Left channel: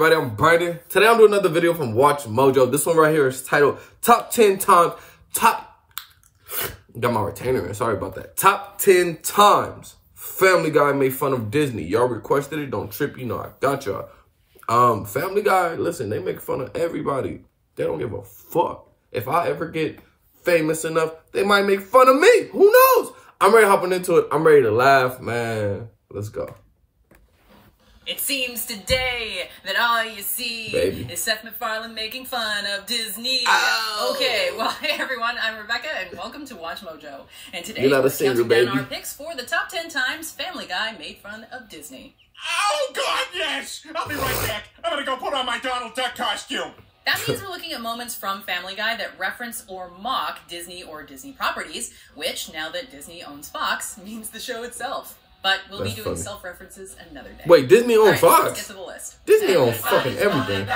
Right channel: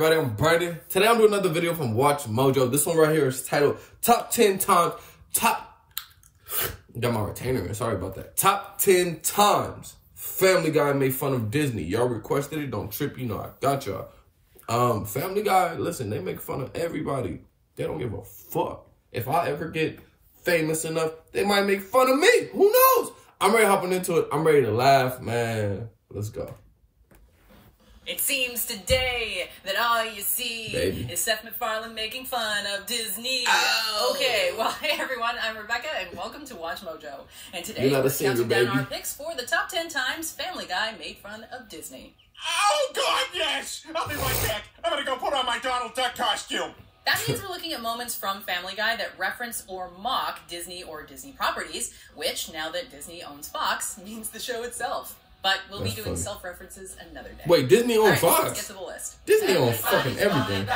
everybody? I'm Brandon. Today I'm doing another video from Watch Mojo. This one right here is titled Top 10 Times. Got my retainer in. Sorry about that. Top 10 Times Family Guy made fun of Disney. Y'all requested it. Don't trip. You know I got y'all. Family Guy, listen, they make fun of everybody. They don't give a fuck. If I ever get famous enough, they might make fun of me. Who knows? I'm ready to hop into it. I'm ready to laugh, man. Let's go. It seems today that all you see is Seth MacFarlane making fun of Disney. Oh. Okay, well, hey everyone, I'm Rebecca, and welcome to Watch Mojo. And today we're counting down our picks for the top 10 times Family Guy made fun of Disney. Oh, God, yes! I'll be right back. I'm gonna go put on my Donald Duck costume. That means we're looking at moments from Family Guy that reference or mock Disney or Disney properties, which, now that Disney owns Fox, means the show itself. But we'll be doing self-references another day. Wait, Disney owns Fox? Let's get to the list. Disney owns fucking everything.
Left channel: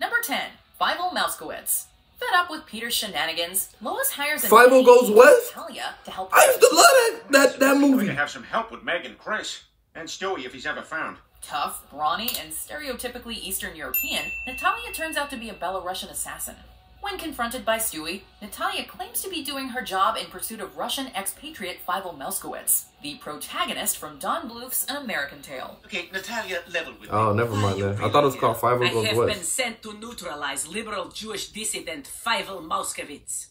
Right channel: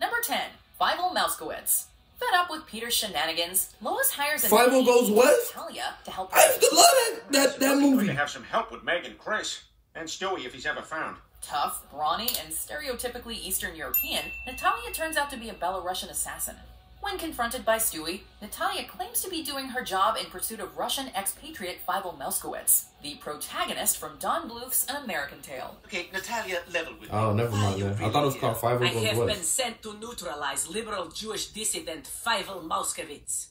Number 10, Fievel Mousekewitz. Fed up with Peter's shenanigans, Lois hires Fievel Goes West? Natalia to help. I used to love that movie. We're going to have some help with Meg and Chris. And Stewie if he's ever found. Tough, brawny, and stereotypically Eastern European, Natalia turns out to be a Belarusian assassin. When confronted by Stewie, Natalia claims to be doing her job in pursuit of Russian expatriate Fievel Mousekewitz, the protagonist from Don Bluth's An American Tale. Okay, Natalia, level with me. Oh, never mind that. I thought it was called Fievel Goes West. I have been sent to neutralize liberal Jewish dissident Fievel Mousekewitz.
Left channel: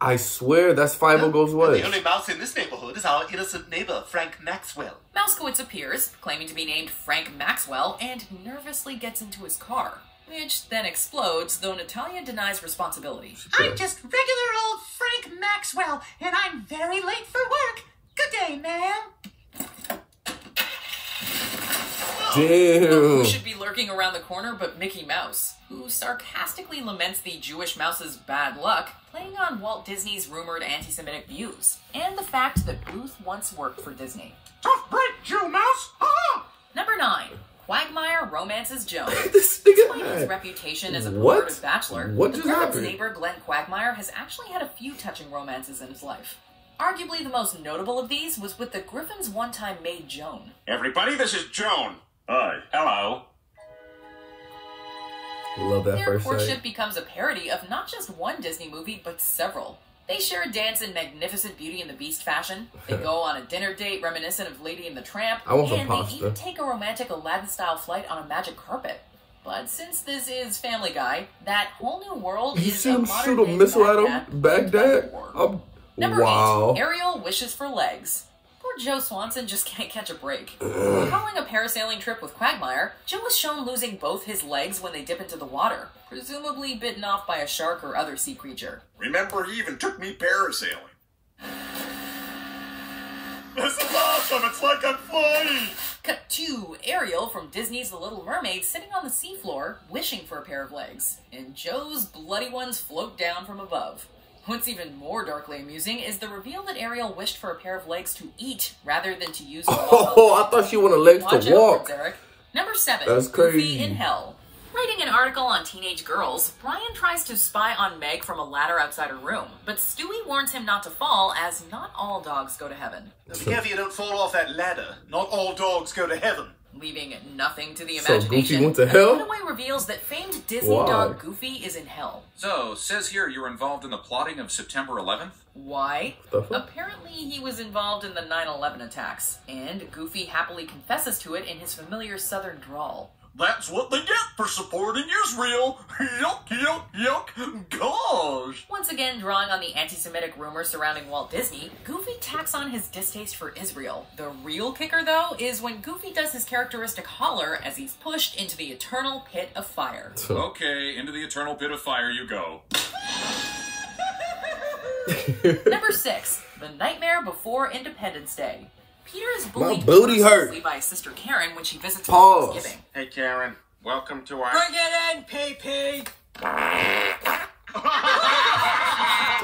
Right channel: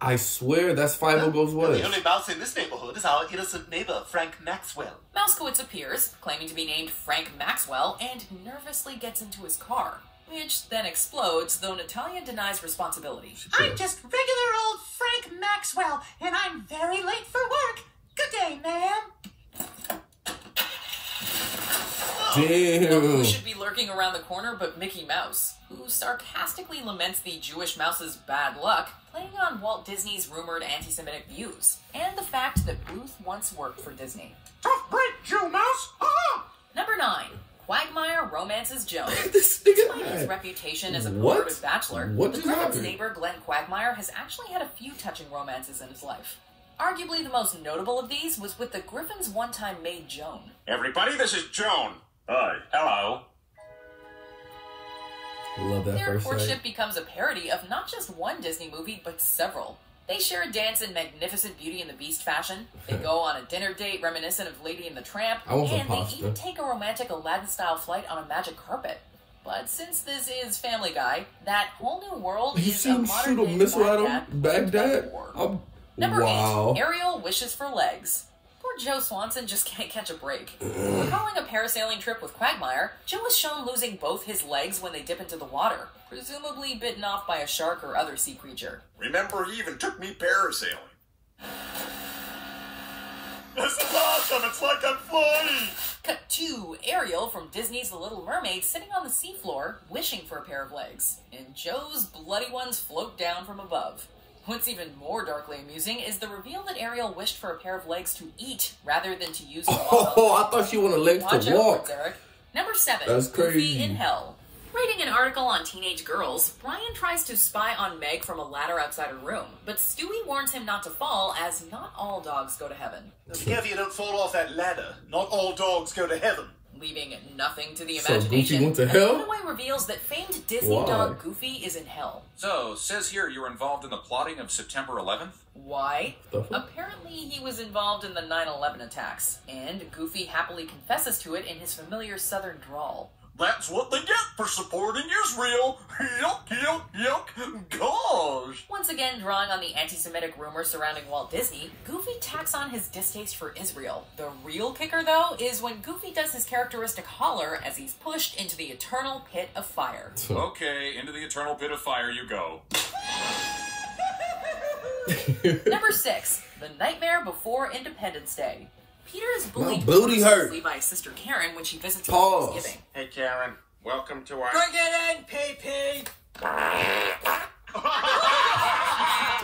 I swear that's Fievel Goes West. The only mouse in this neighborhood is our innocent neighbor, Frank Maxwell. Mousekewitz appears, claiming to be named Frank Maxwell, and nervously gets into his car, which then explodes, though Natalia denies responsibility. I'm just regular old Frank Maxwell, and I'm very late for work. Good day, ma'am. Damn. Who should be lurking around the corner but Mickey Mouse, who sarcastically laments the Jewish mouse's bad luck, playing on Walt Disney's rumored anti-Semitic views, and the fact that Bluth once worked for Disney. Tough break, Jew Mouse! Number 9. Quagmire romances Joan. Despite his reputation as a perverted bachelor, the Griffins' happened? neighbor Glenn Quagmire has actually had a few touching romances in his life. Arguably the most notable of these was with the Griffins' one-time maid Joan. Everybody, this is Joan. Hi. Hello. Love that Their first courtship sight. becomes a parody of not just one Disney movie, but several. They share a dance in magnificent Beauty and the Beast fashion. They go on a dinner date reminiscent of Lady and the Tramp. I want some and pasta. they even take a romantic Aladdin-style flight on a magic carpet. But since this is Family Guy, that whole new world You is see a him modern shoot a day missile at him? Baghdad? Number Wow. 8, Ariel wishes for legs. Poor Joe Swanson just can't catch a break. Recalling a parasailing trip with Quagmire, Joe is shown losing both his legs when they dip into the water, presumably bitten off by a shark or other sea creature. Remember, he even took me parasailing. This is awesome! It's like I'm flying! Cut to Ariel from Disney's The Little Mermaid sitting on the seafloor, wishing for a pair of legs, and Joe's bloody ones float down from above. What's even more darkly amusing is the reveal that Ariel wished for a pair of legs to eat rather than to use to walk. Oh, I thought she wanted legs to walk. Eric. Number 7, That's crazy. Goofy in Hell. Writing an article on teenage girls, Brian tries to spy on Meg from a ladder outside her room, but Stewie warns him not to fall, as not all dogs go to heaven. Be careful you don't fall off that ladder. Not all dogs go to heaven. Leaving nothing to the So imagination, Goofy went to hell? a cutaway reveals that famed Disney dog Goofy is in hell. So, says here you were involved in the plotting of September 11th? Why? Apparently he was involved in the 9/11 attacks, and Goofy happily confesses to it in his familiar southern drawl. That's what they get for supporting Israel. Yuck, yuck, yuck. Gosh. Once again, drawing on the anti-Semitic rumors surrounding Walt Disney, Goofy tacks on his distaste for Israel. The real kicker, though, is when Goofy does his characteristic holler as he's pushed into the eternal pit of fire. Okay, into the eternal pit of fire you go. Number 6, The Nightmare Before Independence Day. Peter is bullied booty by his sister Karen when she visits Pause. Thanksgiving. Hey, Karen. Welcome to our... Bring it in, PP!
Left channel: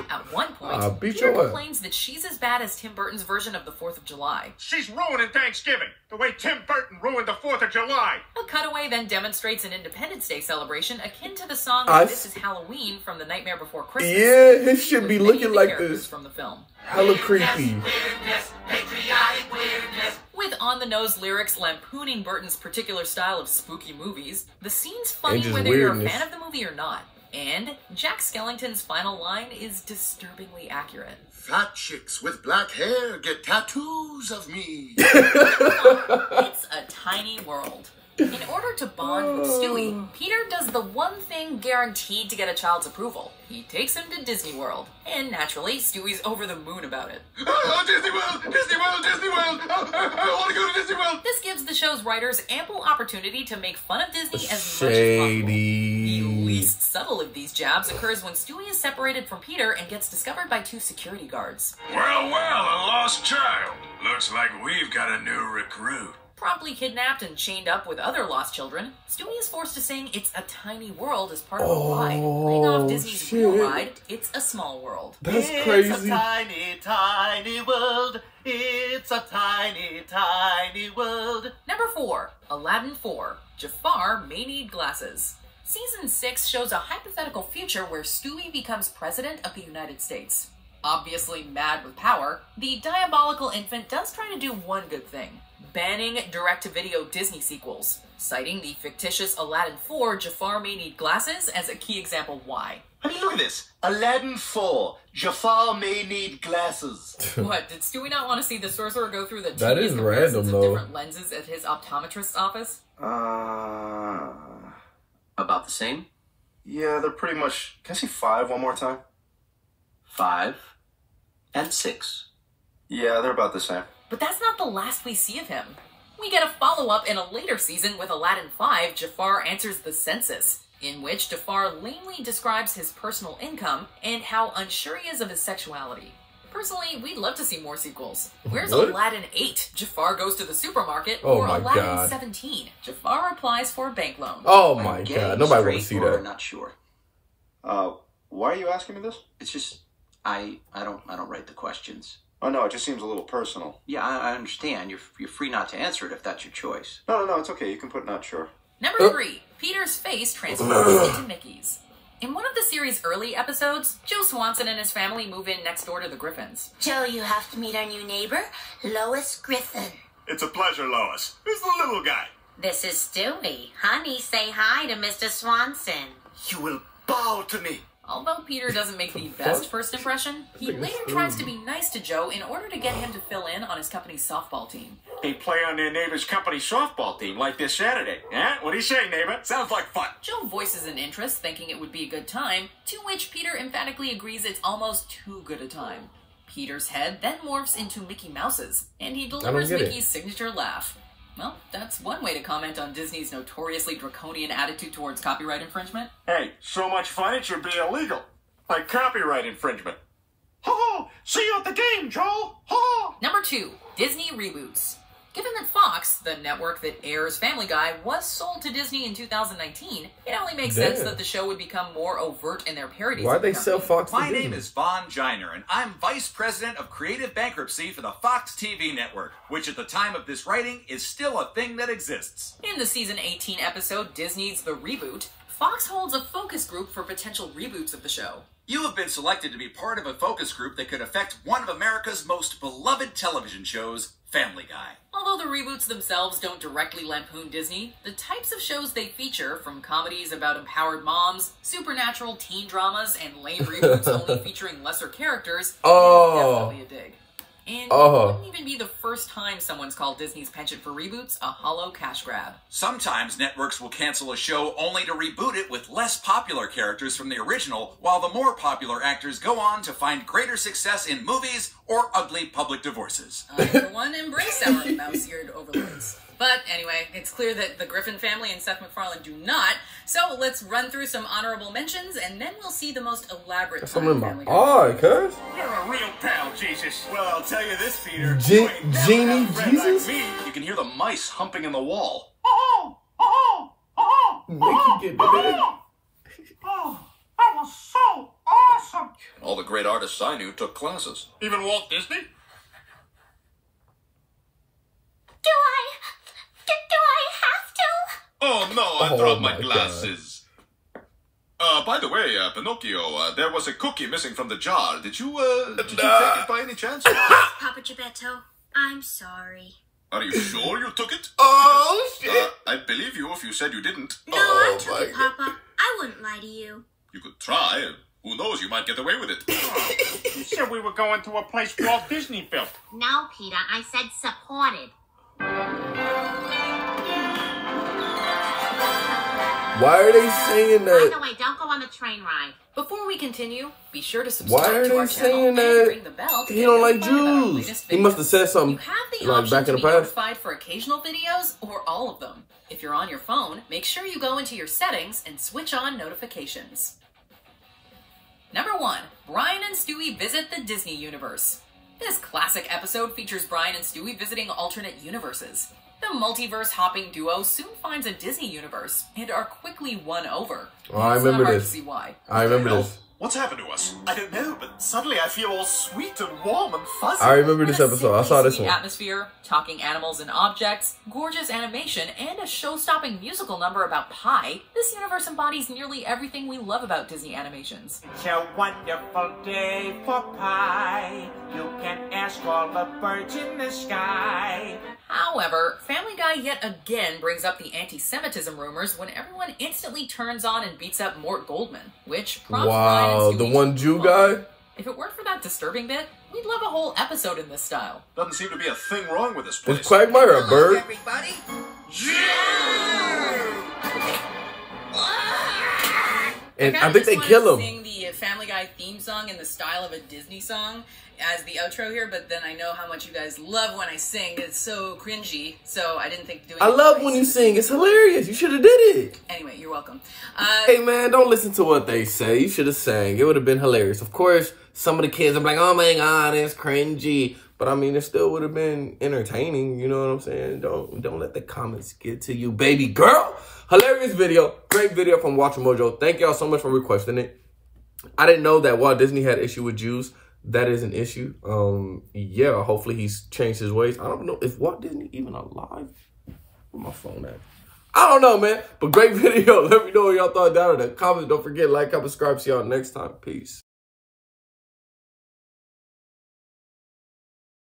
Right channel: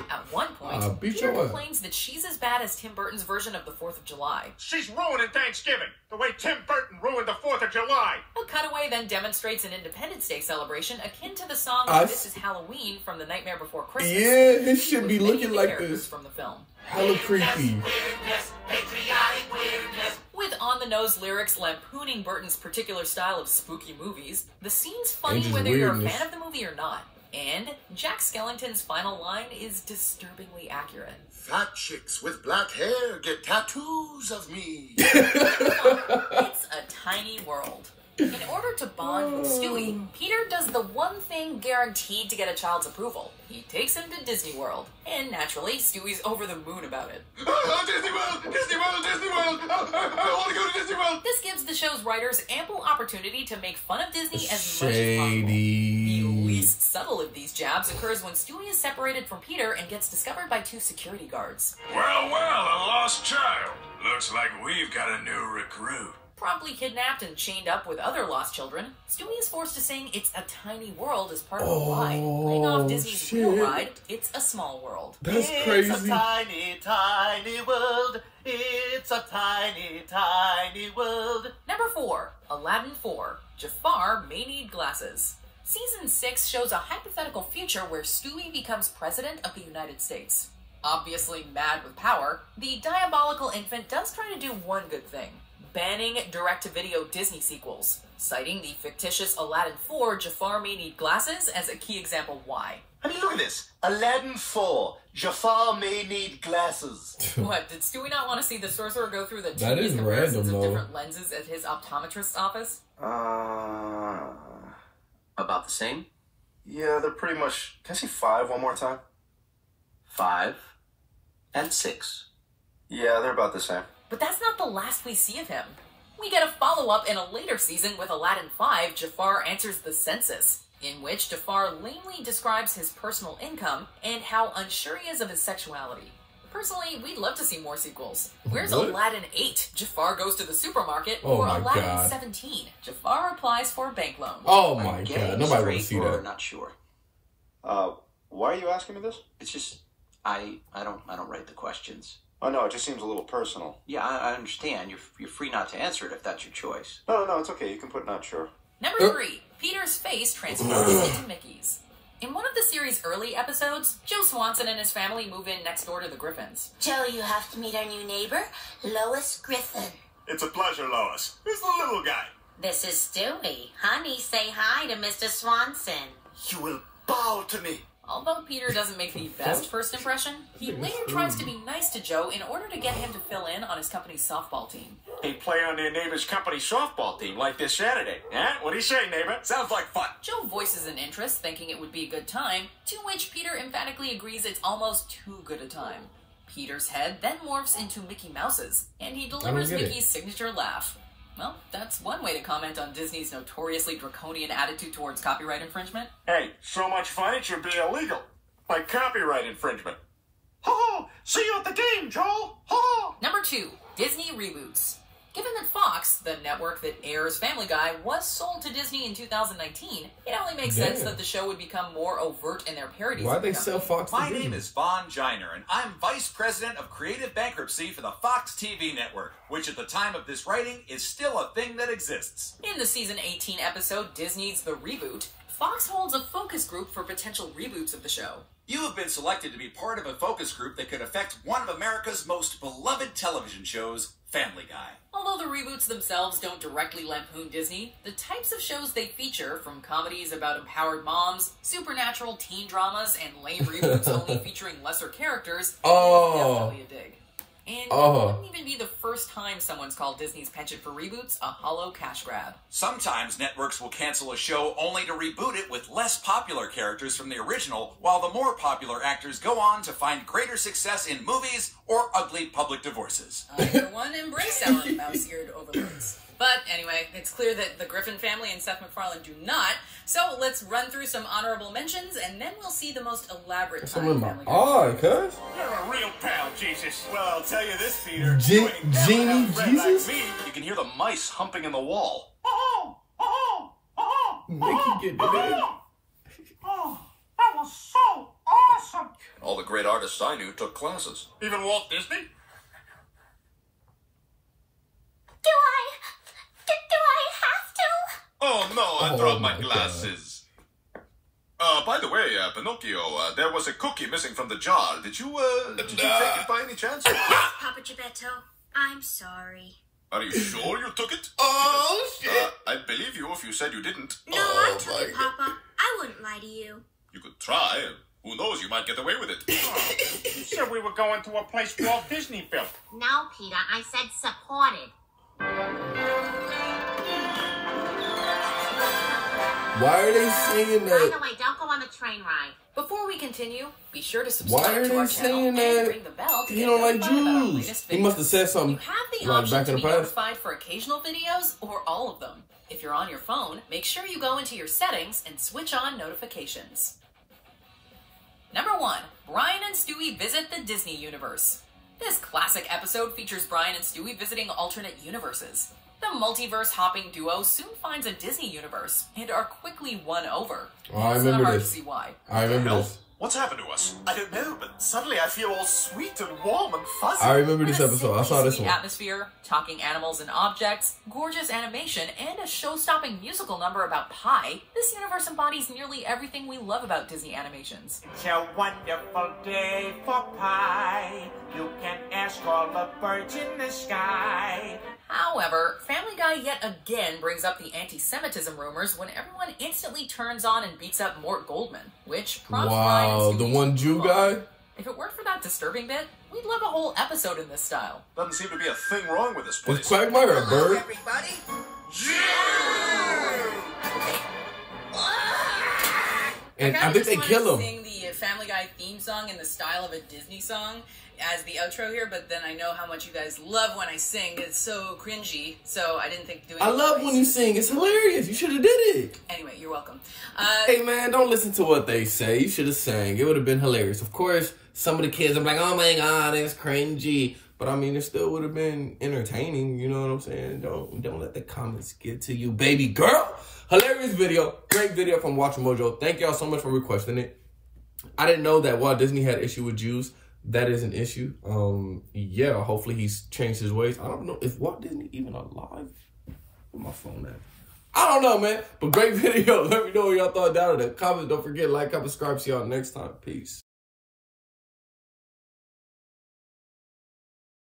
At one point, beat Peter your ass. complains that she's as bad as Tim Burton's version of the 4th of July. She's ruining Thanksgiving, the way Tim Burton ruined the 4th of July. A cutaway then demonstrates an Independence Day celebration akin to the song This Is Halloween from The Nightmare Before Christmas. Yeah, his should be looking like this. From the film. Hella creepy. With On the on-the-nose lyrics lampooning Burton's particular style of spooky movies, the scene's funny Age's whether you're a weirdness. fan of the movie or not. And Jack Skellington's final line is disturbingly accurate. Fat chicks with black hair get tattoos of me. It's a tiny world. In order to bond with Stewie, Peter does the one thing guaranteed to get a child's approval. He takes him to Disney World. And naturally, Stewie's over the moon about it. Oh, Disney World! Disney World! Disney World! I want to go to Disney World! This gives the show's writers ample opportunity to make fun of Disney as much as possible. The least subtle of these jabs occurs when Stewie is separated from Peter and gets discovered by 2 security guards. Well, a lost child. Looks like we've got a new recruit. Promptly kidnapped and chained up with other lost children, Stewie is forced to sing It's a Tiny World as part of a ride, playing off Disney's real ride, It's a Small World. That's crazy. It's a tiny, tiny world. It's a tiny, tiny world. Number 4, Aladdin 4, Jafar May Need Glasses. Season 6 shows a hypothetical future where Stewie becomes president of the United States. Obviously mad with power, the diabolical infant does try to do one good thing: banning direct-to-video Disney sequels, citing the fictitious Aladdin 4 Jafar May Need Glasses as a key example why. I mean, look at this. Aladdin 4. Jafar May Need Glasses. What, did Stewie not want to see the sorcerer go through the That is tedious random, comparisons though. of different lenses at his optometrist's office? About the same? Yeah, they're pretty much... Can I see 5 one more time? 5 and 6. Yeah, they're about the same. But that's not the last we see of him. We get a follow-up in a later season with Aladdin 5, Jafar Answers the Census, in which Jafar lamely describes his personal income and how unsure he is of his sexuality. Personally, we'd love to see more sequels. Where's What? Aladdin 8, Jafar Goes to the Supermarket, Oh or my Aladdin God. 17, Jafar Applies for a Bank Loan? Oh my Getting god, nobody want to straight see or that. Not sure. Why are you asking me this? It's just I don't write the questions. Oh, no, it just seems a little personal. Yeah, I understand. You're free not to answer it if that's your choice. No, it's okay. You can put not sure. Number 3, Peter's face transforms into Mickey's. In one of the series' early episodes, Joe Swanson and his family move in next door to the Griffins. Joe, you have to meet our new neighbor, Lois Griffin. It's a pleasure, Lois. Who's the little guy? This is Stewie. Honey, say hi to Mr. Swanson. You will bow to me. Although Peter doesn't make the best first impression, he later tries to be nice to Joe in order to get him to fill in on his company's softball team. They play on their neighbor's company softball team like this Saturday. Yeah? What do you say, neighbor? Sounds like fun. Joe voices an interest, thinking it would be a good time, to which Peter emphatically agrees it's almost too good a time. Peter's head then morphs into Mickey Mouse's, and he delivers get it. Mickey's signature laugh. Well, that's one way to comment on Disney's notoriously draconian attitude towards copyright infringement. Hey, so much fun it should be illegal. Like copyright infringement. Ho-ho! See you at the game, Joel! Ho-ho! Number 2, Disney Reboots. Given that Fox, the network that airs Family Guy, was sold to Disney in 2019, it only makes sense that the show would become more overt in their parodies. Why'd of the they sell company. Fox to My Disney? name is Von Giner, and I'm Vice President of Creative Bankruptcy for the Fox TV network, which at the time of this writing is still a thing that exists. In the season 18 episode, Disney's The Reboot, Fox holds a focus group for potential reboots of the show. You have been selected to be part of a focus group that could affect one of America's most beloved television shows, Family Guy. Although the reboots themselves don't directly lampoon Disney, the types of shows they feature, from comedies about empowered moms, supernatural teen dramas, and lame reboots only featuring lesser characters, is definitely a dig. And it wouldn't even be the first time someone's called Disney's penchant for reboots a hollow cash grab. Sometimes networks will cancel a show only to reboot it with less popular characters from the original, while the more popular actors go on to find greater success in movies or ugly public divorces. I, for one, embrace our mouse-eared overlords. But anyway, it's clear that the Griffin family and Seth MacFarlane do not, so let's run through some honorable mentions, and then we'll see the most elaborate Something in my Family Guy. eye, cuz. You're a real pal, Jesus. Well, I'll tell you this, Peter. Genie Jesus? Me, you can hear the mice humping in the wall. Mickey get the bed. Oh, that was so awesome. All the great artists I knew took classes. Even Walt Disney? Do I have to? Oh, no, I Oh, dropped my my glasses. By the way, Pinocchio, there was a cookie missing from the jar. Did you take it by any chance? Papa Geppetto, I'm sorry. Are you sure you took it? Oh, shit. I believe you if you said you didn't. No, I took it, Papa. I wouldn't lie to you. You could try. Who knows, you might get away with it. You said we were going to a place Walt Disney built. No, Peter, I said supported. Why are they saying that? By the way, don't go on the train ride. Before we continue, be sure to subscribe Why are to our they channel saying and that? ring the bell to He get don't like notified about our Jews. latest He videos. must have said something You have the like option back to in be the past. notified for occasional videos or all of them. If you're on your phone, make sure you go into your settings and switch on notifications. Number 1. Brian and Stewie visit the Disney universe. This classic episode features Brian and Stewie visiting alternate universes. The multiverse-hopping duo soon finds a Disney universe and are quickly won over. Oh, I It's remember not hard this. to see why. I remember this. What's happened to us? I don't know, but suddenly I feel all sweet and warm and fuzzy. I remember With this a episode. I simply saw this sweet one. atmosphere, talking animals and objects, gorgeous animation, and a show-stopping musical number about pie, this universe embodies nearly everything we love about Disney animations. It's a wonderful day for pie. You can ask all the birds in the sky. However, Family Guy yet again brings up the anti-Semitism rumors when everyone instantly turns on and beats up Mort Goldman, which prompts Brian and Wow, Stewie the to one Jew move guy? on. If it weren't for that disturbing bit, we'd love a whole episode in this style. Doesn't seem to be a thing wrong with this place. Is Quagmire a bird? Everybody. And I think they kill him. Sing the Family Guy theme song in the style of a Disney song as the outro here, but then I know how much you guys love when I sing. It's so cringy, so I didn't think doing it. I love when you sing. It's hilarious. You should have did it. Anyway, you're welcome. Hey, man, don't listen to what they say. You should have sang. It would have been hilarious. Of course, some of the kids are like, oh, my God, it's cringy. But, I mean, it still would have been entertaining. You know what I'm saying? Don't let the comments get to you, baby girl. Hilarious video. Great video from Watch Mojo. Thank y'all so much for requesting it. I didn't know that Walt Disney had issue with Jews. That is an issue. Yeah, hopefully he's changed his ways. I don't know if Walt Disney even alive. Where my phone at? I don't know, man. But great video. Let me know what y'all thought down in the comments. Don't forget, like, comment, subscribe. See y'all next time. Peace.